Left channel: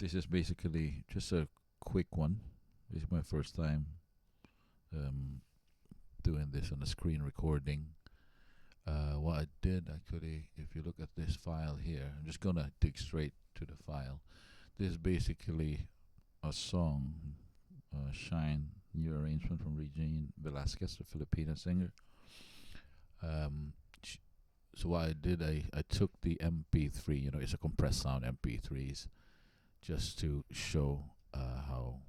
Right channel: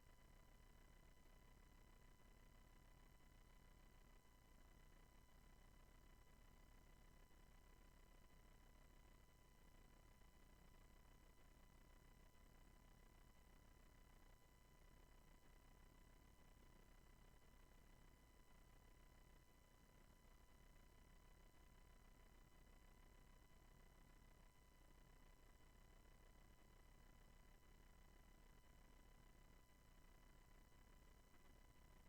This is basically just a quick one. This is my first time um, doing this on a screen recording. What I did actually, if you look at this file here, I'm just gonna dig straight to the file. This is basically a song, Shine, new arrangement from Regine Velasquez, the Filipino singer. So what I did, I took the MP3, it's a compressed sound MP3s, just to show how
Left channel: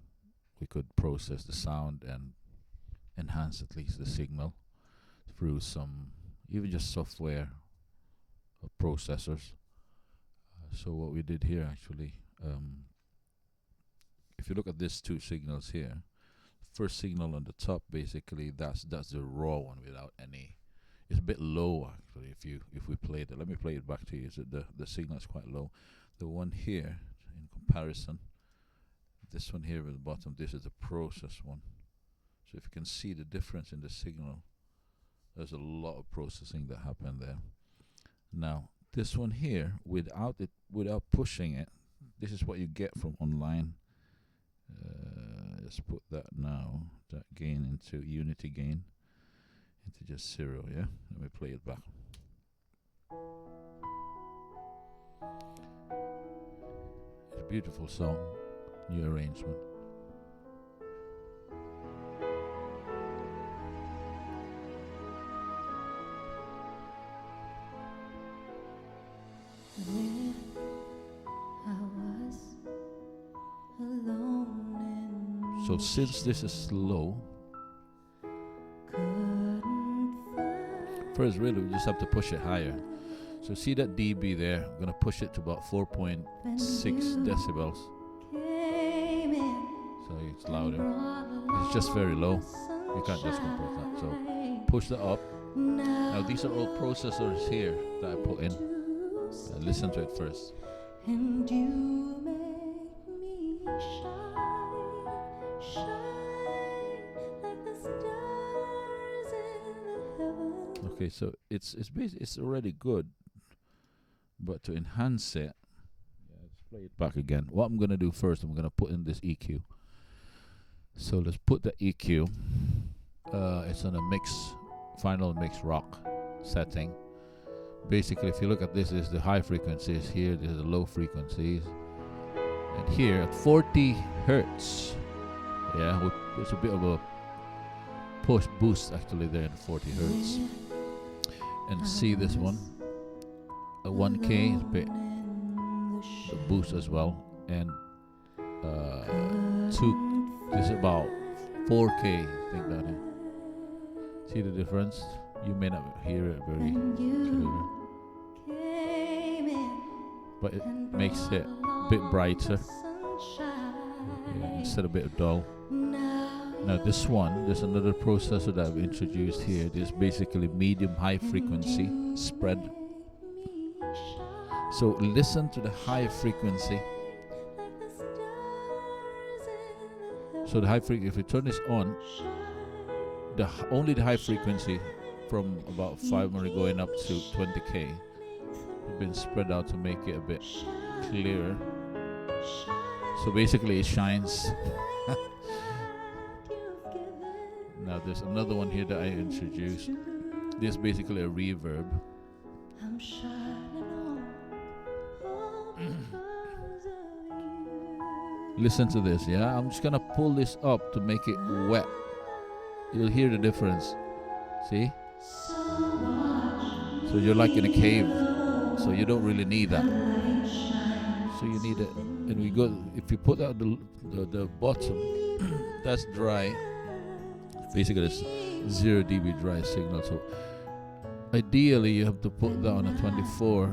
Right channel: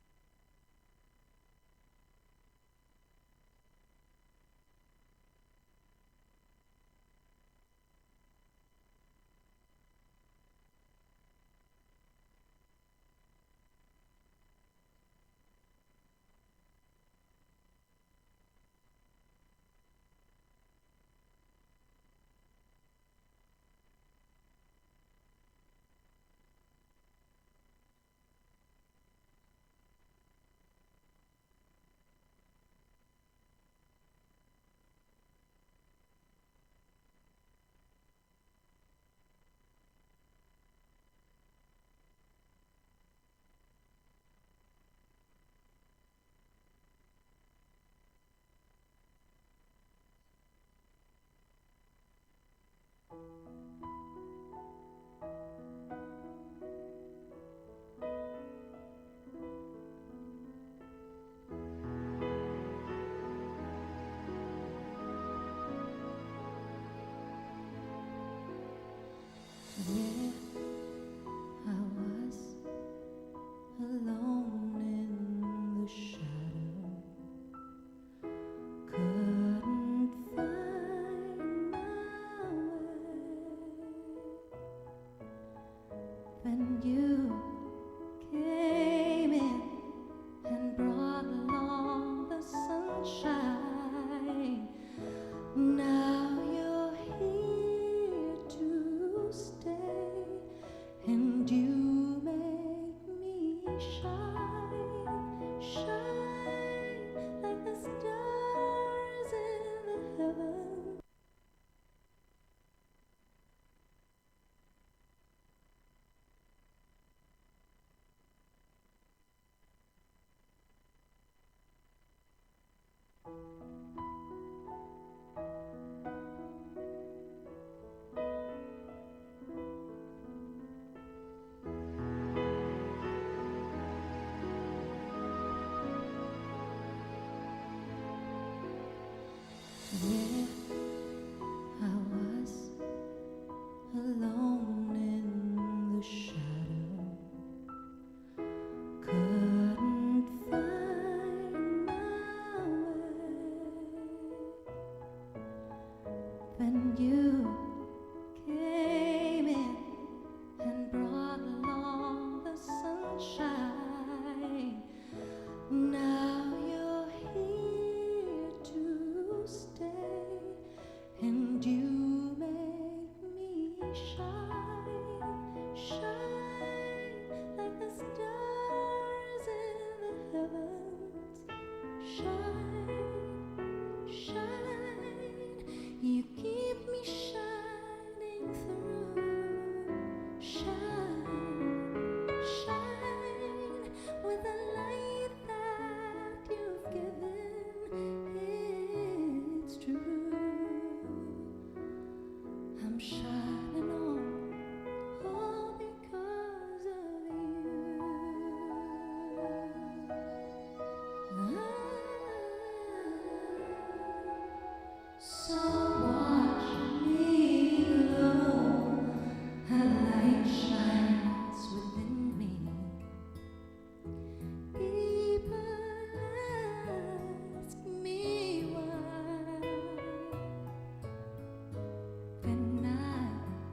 we could process the sound and enhance at least the signal through some, even just software processors. So what we did here actually, if you look at these two signals here, first signal on the top, basically that's the raw one without any. It's a bit low actually. If we play it, let me play it back to you. So the signal is quite low. The one here, in comparison, this one here at the bottom, this is the process one. So if you can see the difference in the signal, there's a lot of processing that happened there. Now this one here, without pushing it, this is what you get from online. Let's put that now, that gain into unity gain, into just 0, yeah? Let me play it back. It's a beautiful song, new arrangement. There I was alone in So since this is slow, first really we just have to push it higher. So see that dB there, I'm going to push it to about 4.6 decibels. So it's louder. It's just very low. You can't just compress that. So push that up. Now these are all processors here that I put in. Listen to it first. And you make me shine, shine like the stars in the heavens. Okay, so it's already good, but to enhance it, let's play it back again. What I'm gonna do first, I'm gonna put in this EQ. So let's put the EQ. It's on a final mix rock setting. Basically, if you look at this, is the high frequencies here, this is the low frequencies, and here at 40 hertz, yeah, it's a bit of a push boost actually there at 40 hertz. And see this one, a 1K is a bit a boost as well, and this is about 4K. Think that in. See the difference? You may not hear it very clear, but it makes it a bit brighter instead of a bit dull. Now this one, there's another processor that I've introduced here. This is basically medium high frequency spread. So listen to the high frequency. So the high frequency, if we turn this on, only the high frequency from about 500 going up to 20K been spread out to make it a bit clearer. So basically it shines. Now there's another one here that I introduced. This is basically a reverb. I'm shining all because of you. Listen to this, yeah? I'm just gonna pull this up to make it wet. You'll hear the difference. See? So you're like in a cave, so you don't really need that. So you need it. And we go. If you put out the bottom, that's dry. Basically, it's 0 dB dry signal. So ideally, you have to put that on a 24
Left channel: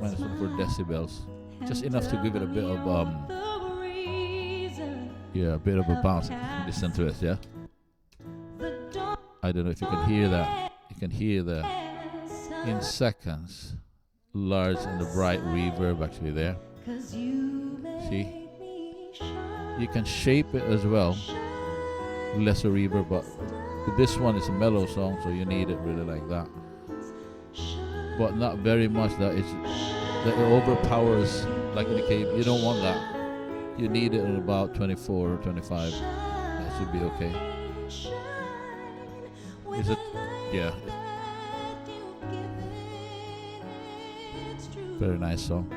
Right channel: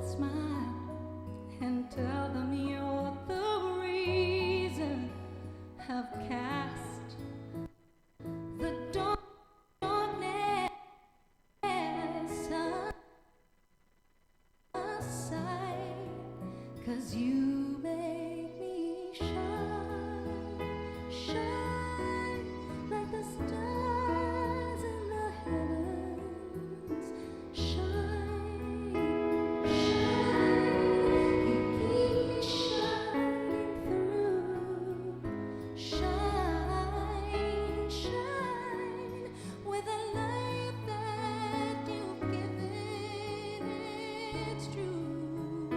minus 4 decibels, just enough to give it a bit of a bit of a bounce. Listen to it, yeah. I don't know if you can hear that. You can hear the in seconds large and the bright reverb actually there. See? You can shape it as well. Lesser reverb, but this one is a mellow song, so you need it really like that. But not very much that it overpowers like in the cave. You don't want that. you need it at about 24 or 25, that should be okay. Is it? Yeah. Very nice song.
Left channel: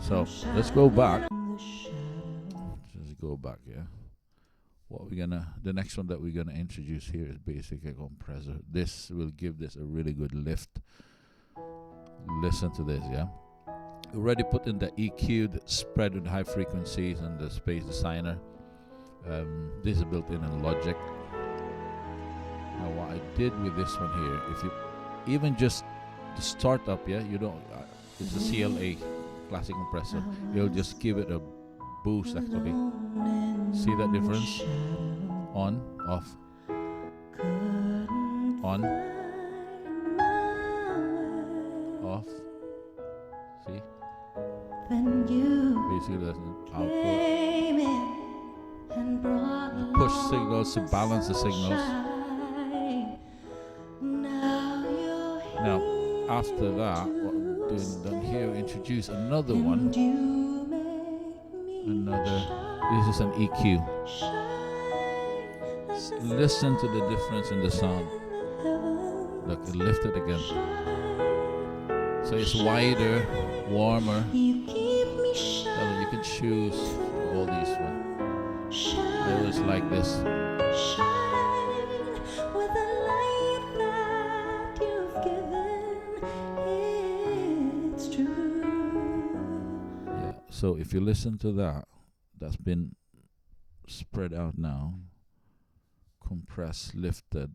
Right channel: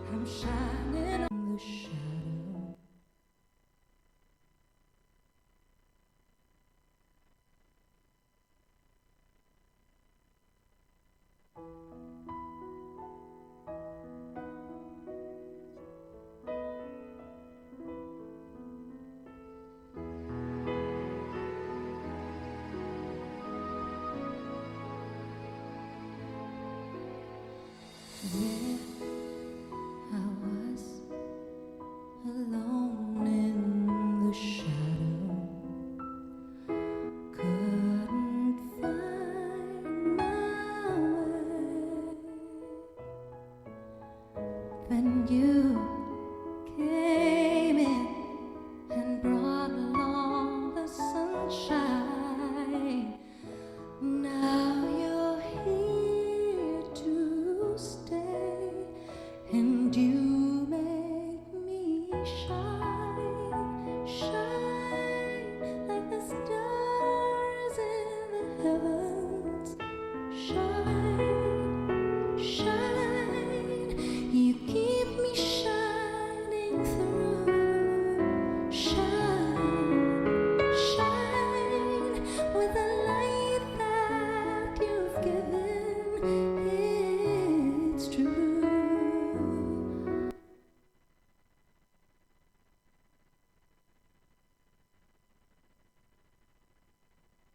So let's go back. Let's go back, yeah. The next one that we're gonna introduce here is basically a compressor. This will give this a really good lift. Listen to this, yeah. Already put in the EQ, the spread with high frequencies, and the space designer. This is built in Logic. Now what I did with this one here, if you even just the startup, yeah, you don't. It's a CLA classic compressor. You'll just give it a boost actually. See that difference? On, off, on, off. See? Basically that's the output. Push signals to balance the signals. Now, after that, what we've done here, introduce another one. This is an EQ. Listen to the difference in the sound. Look, lift it again. So it's wider, warmer. So you can choose all these ones. Just like this. Shine with the light that you've given. It's true. Yeah. So if you listen to that, that's been spread out now, compressed, lifted.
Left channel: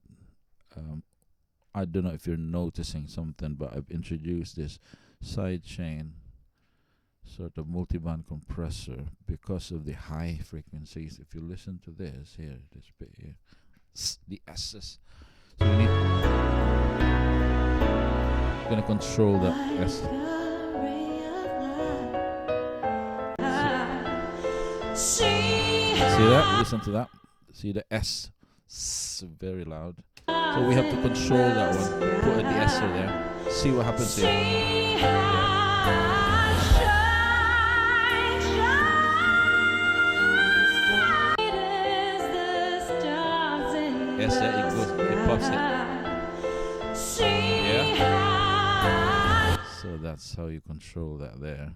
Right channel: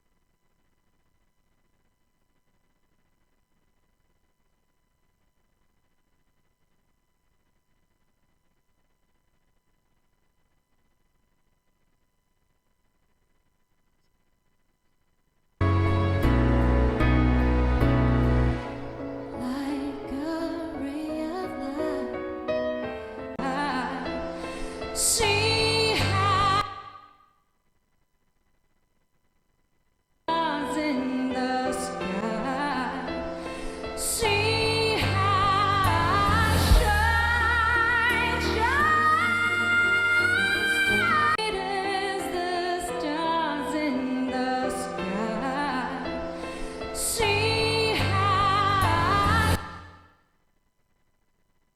I don't know if you're noticing something, but I've introduced this side chain sort of multiband compressor because of the high frequencies. If you listen to this here, this bit here, the S's. So you need gonna control that S. See that? Listen to that. See the S. Very loud. So we have to control that one. Put the S in there. See what happens here. So that's how you control that there.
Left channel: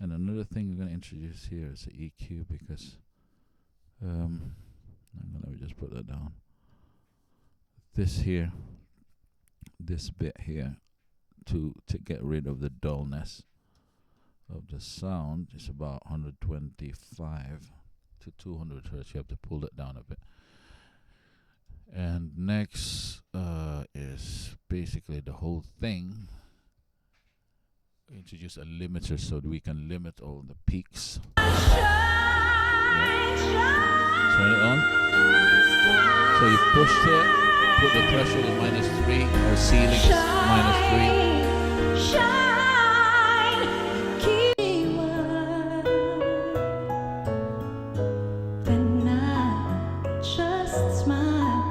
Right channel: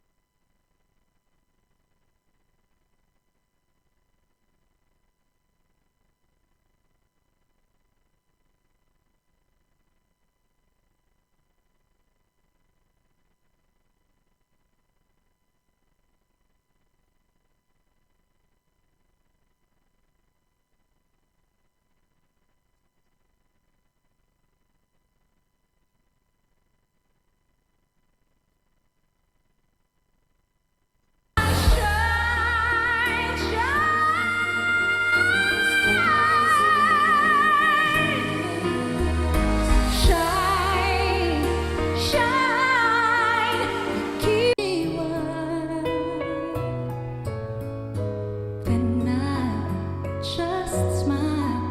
And another thing we're going to introduce here is the EQ because let me just put that down. This here, this bit here, to get rid of the dullness of the sound is about 125 to 200 hertz. You have to pull it down a bit. And next is basically the whole thing. Introduce a limiter so that we can limit all the peaks. Turn it on. So you push it, put the pressure on -3, or ceiling -3. Shine, keep then I just smile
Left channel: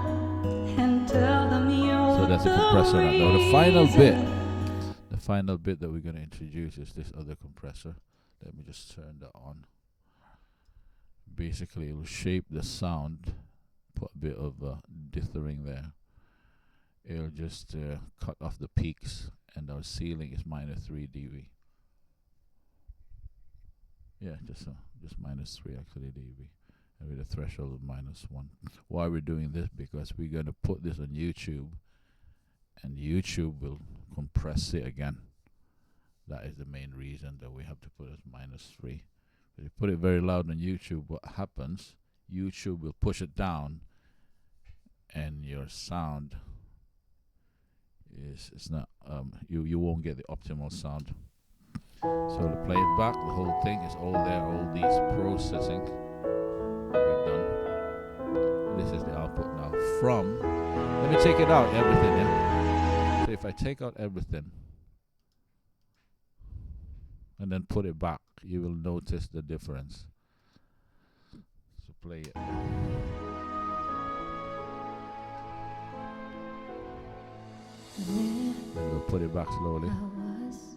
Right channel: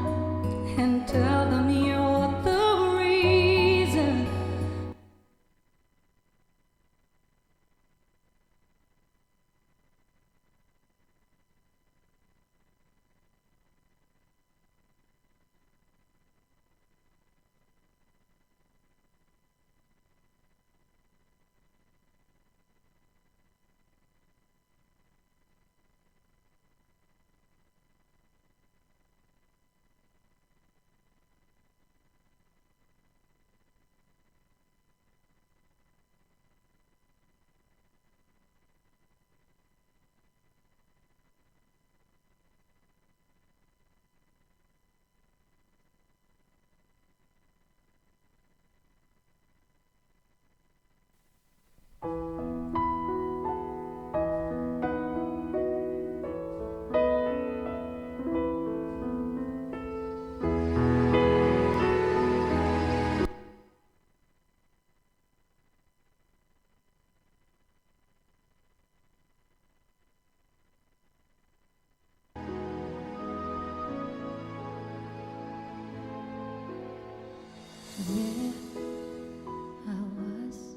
and tell them you're So that's the compressor. Now, the reason. final bit that we're going to introduce is this other compressor. Let me just turn that on. Basically, it will shape the sound. Put a bit of dithering there. It'll just cut off the peaks, and our ceiling is -3 dB. Yeah, just -3 actually dB, and with a threshold of -1. Why we're doing this? Because we're going to put this on YouTube, and YouTube will compress it again. That is the main reason that we have to put it -3. If you put it very loud on YouTube, what happens? YouTube will push it down, and your sound it's not you won't get the optimal sound. So to play it back, the whole thing is all there, all these processing we've done. This is the output now from. Let me take it out, everything. Yeah? So if I take out everything and then put it back, you will notice the difference. So play it. We'll put it back slowly. I was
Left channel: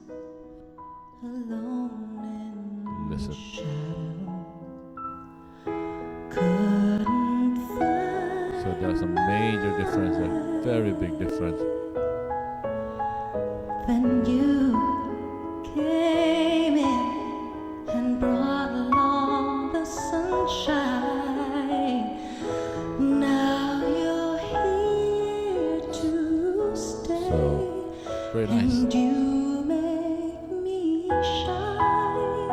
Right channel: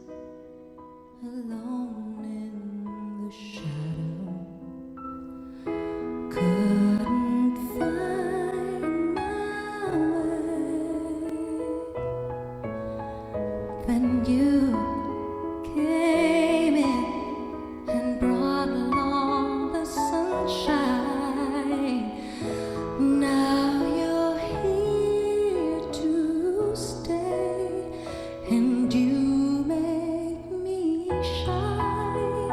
alone in Listen. fix it. Couldn't So there's a major difference, a very big difference. Then you came in and brought along the sunshine. Now you're here to stay, Very nice. and you make me shine,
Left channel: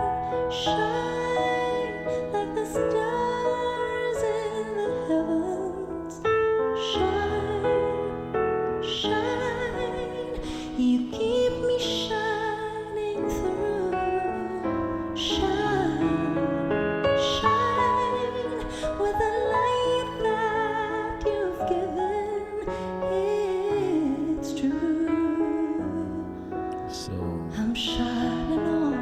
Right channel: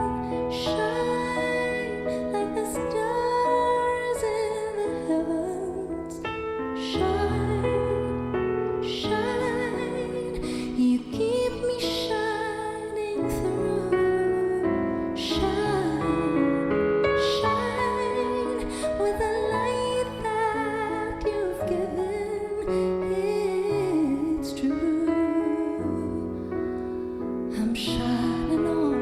shine like the stars in the heavens. Shine, shine, you keep me shining through. Shine, shine with the light that you've given. It's true. So I'm shining on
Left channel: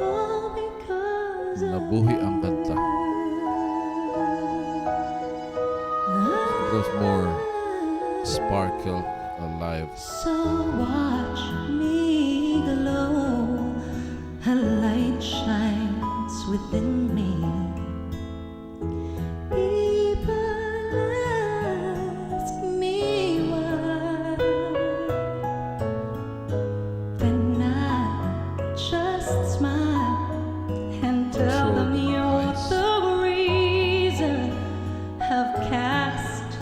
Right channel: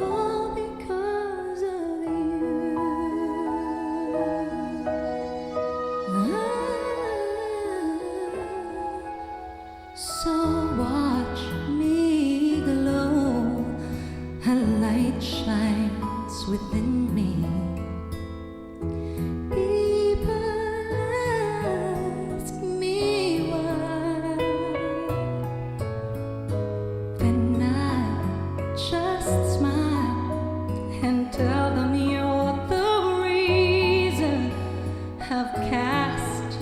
all because of Nabuhi ang kanta. There's more sparkle, alive. So watch me glow. A light shines within me. People ask me why. Then I just smile and tell them you're the reason. Have cast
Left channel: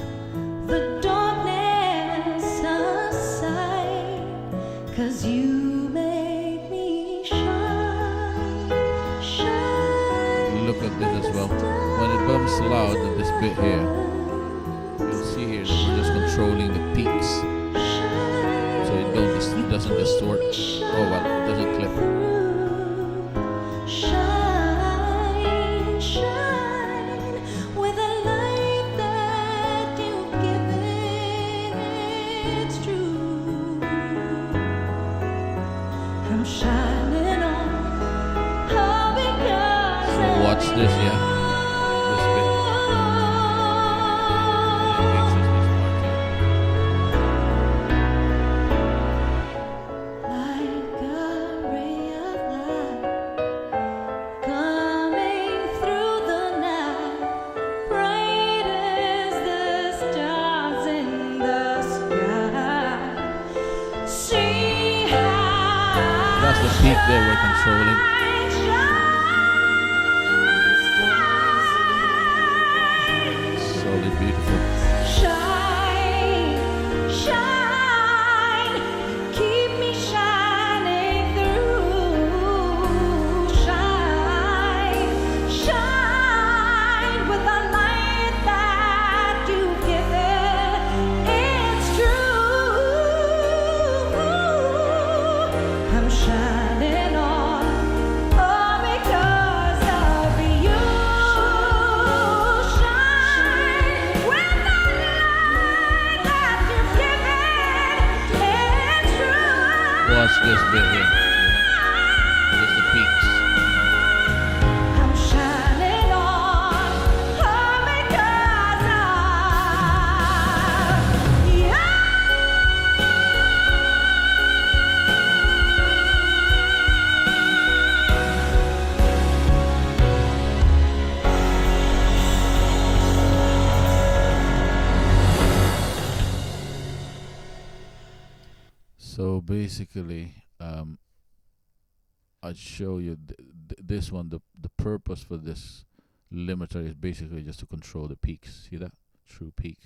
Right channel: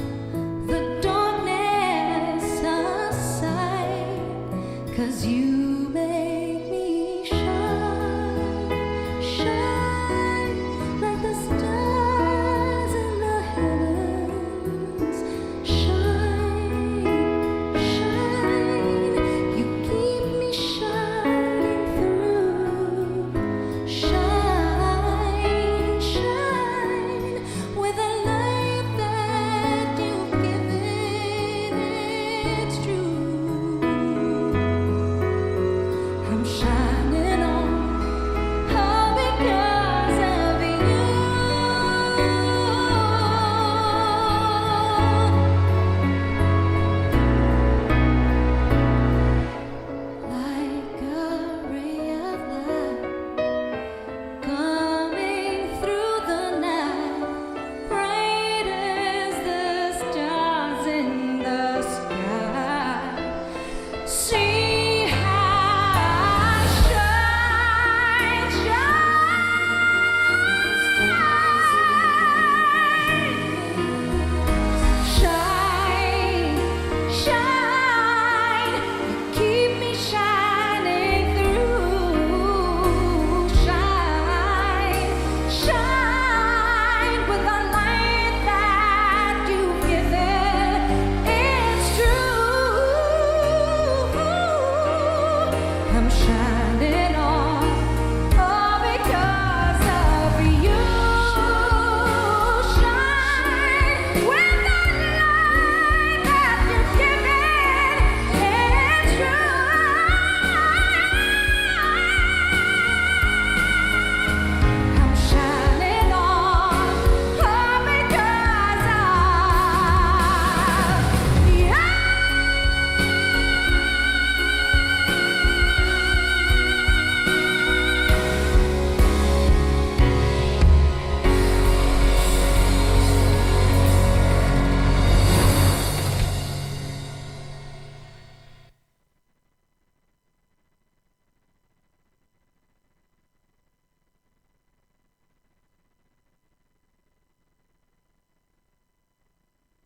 the darkness aside, 'cause you make me shine, shine Look at like this the as well. When it comes stars loud in in this the bit here, heavens. you'll see here, so we're just controlling the peaks. Shine, So it you doesn't keep distort. me Oh, well, shining doesn't clip. through. Shine, shine with a light that you've given. It's true. I'm shining on all because of Watch you. this, yeah. Like a ray of light coming through the night, bright as the stars in the sky. See how That's the peak there we're controlling. Solid beautiful. shine, shine. You keep me shining through. Shine, shine with the light that you've given. It's true. I'm shining on all because of you. Shine with the light that you've given. It's true. Watch this bit here. With the peaks. I'm shining on all because of you. So basically, I'd show you this one. The purpose for this limiter is basically just to control the peaks. See that? True peak.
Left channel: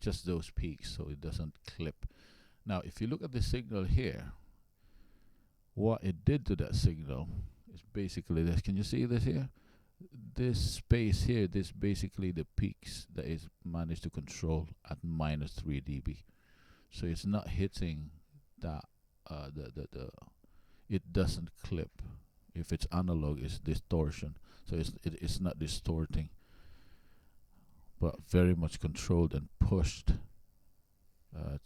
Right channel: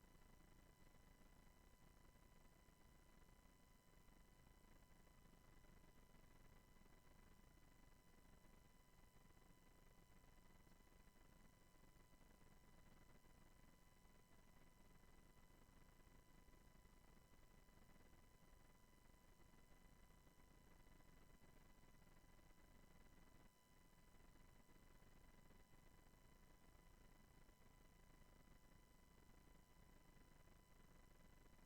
Just those peaks so it doesn't clip. Now, if you look at the signal here, what it did to that signal is basically this. Can you see this here? This space here, this basically the peaks that is managed to control at minus 3 dB. So it's not hitting that it doesn't clip. If it's analog, it's distortion. So it's not distorting, but very much controlled and pushed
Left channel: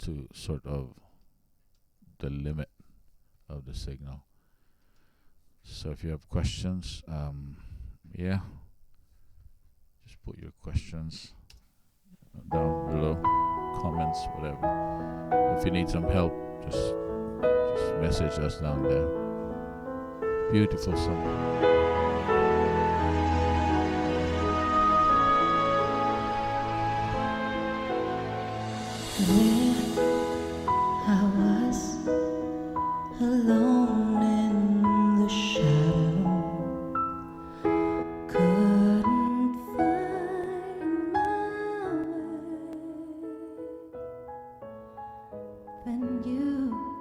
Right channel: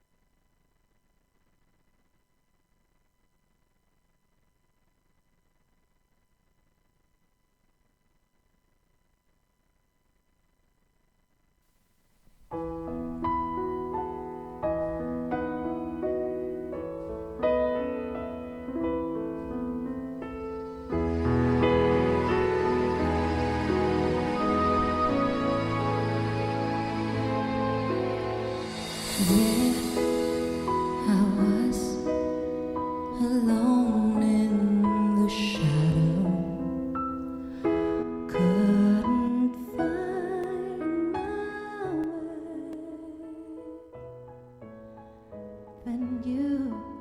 to sort of the limit of the signal. So if you have questions, yeah, just put your questions down below, comments, whatever. If you need some help, just message us down there. Beautiful song. There I was, alone in the shadow, couldn't find my way. Then you